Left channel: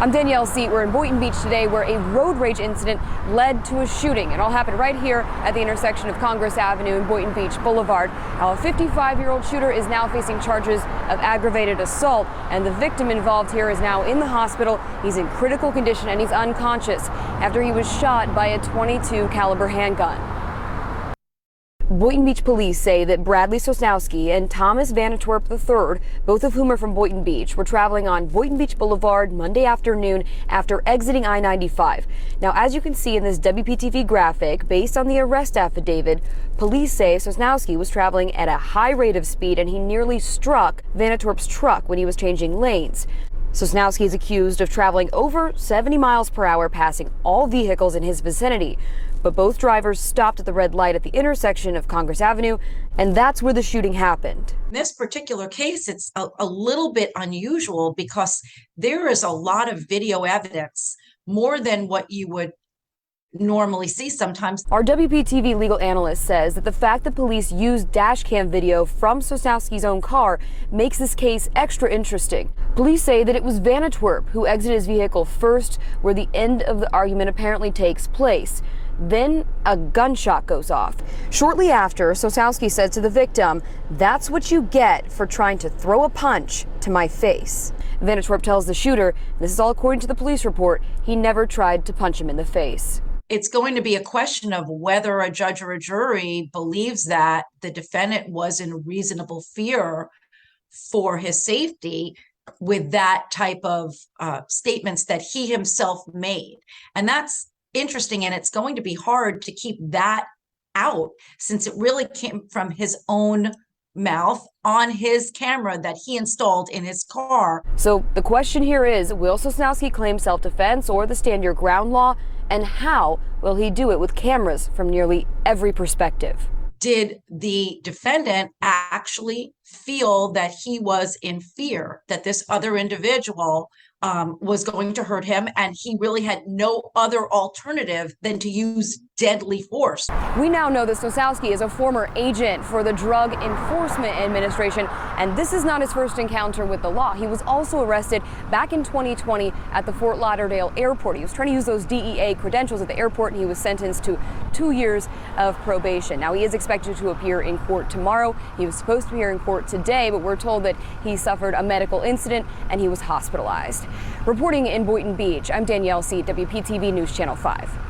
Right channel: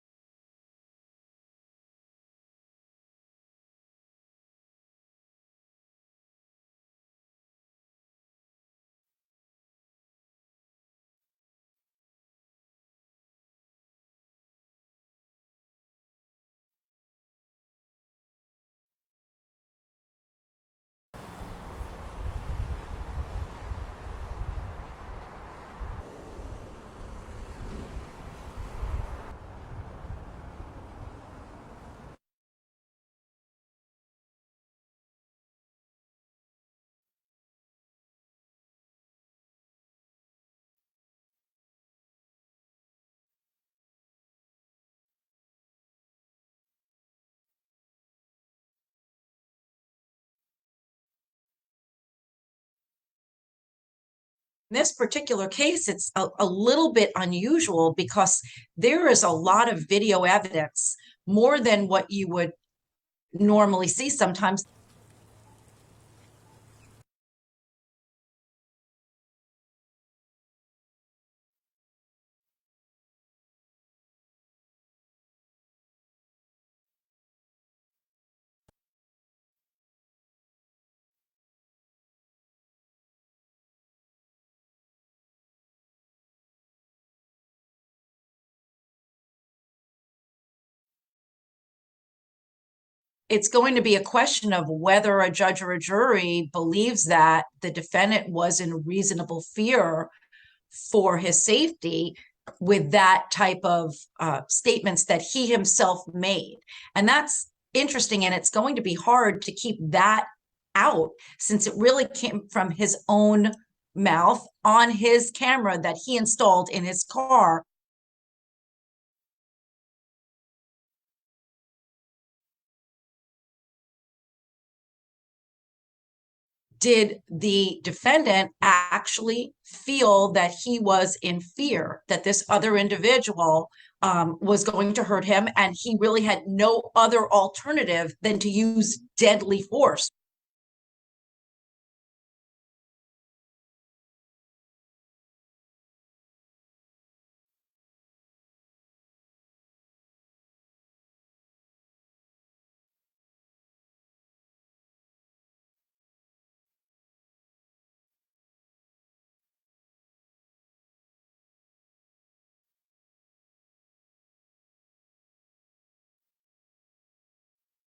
I'm Danielle Seat. We're in Boynton Beach today where a road rage incident led to a shooting. It all happened right here at the intersection of Congress Avenue and Boynton Beach Boulevard. Now, a 55-year-old shooter is now facing charges of aggravated assault, and the victim involved here is now in the hospital. He's in critical condition and he's unconscious after he was shot by a .22 caliber handgun. Boynton Beach police say that Bradley Sosnowski and Thomas Vanatwerp III, both of whom are from Boynton Beach, were traveling on Boynton Beach Boulevard Monday afternoon after exiting I-95. Now, as you can see in this WPTV graphic, based on the arrest affidavit, police say Sosnowski was traveling at a high rate of speed and he nearly struck Vanatwerp's truck when he was changing lanes. Sosnowski is accused of traveling over 70 miles per hour, passing all vehicles in his vicinity. But both drivers stopped at the red light at the intersection of Congress Avenue, and that's where the shooting happened. In this particular case, it's a little bit unusual because there is a lot of video evidence, more than what you would normally see sometimes. Our WPTV legal analyst says that the fact that police used dash cam video from Sosnowski's own car makes this case extra interesting. Police say that it was Vanatwerp who exited his vehicle first, where the end of the argument apparently takes place. Then a gunshot goes off. Shortly after, Sosnowski said to the victim, "That's what you get for trying to throw a punch to my face." Vanatwerp tells the shooter, this is all according to the police report, he never tried to punch him in the face. It's going to be a question of whether a judge or a jury believes that the defendant was in reasonable fear for his safety with that type of statements that he himself made. And that's interesting, and it's going to be hard to keep that out since it really came from his own mouth on his camera that he installed in his car. So the question here is, will Sosnowski claim self-defense or the stand your ground law, and how will he do it with cameras from nearly every perspective? Did the defendant actually feel that he was in fear that this other individual was going to hurt him, and he really had no other alternative than to use deadly force? We now know that Sosnowski is a former agent for the Drug Enforcement Administration, and this is not his first encounter with the law. He was also arrested back in 2020 at the Fort Lauderdale airport. He was trying to use those DEA credentials at the airport, and he was sentenced to 2 years of probation. Now, he is expected to appear in court tomorrow. He was supposed to appear in court today, but we're told that he suffered a medical incident and he was hospitalized. Reporting in Boynton Beach, I'm Danielle Seat, WPTV News Channel 5.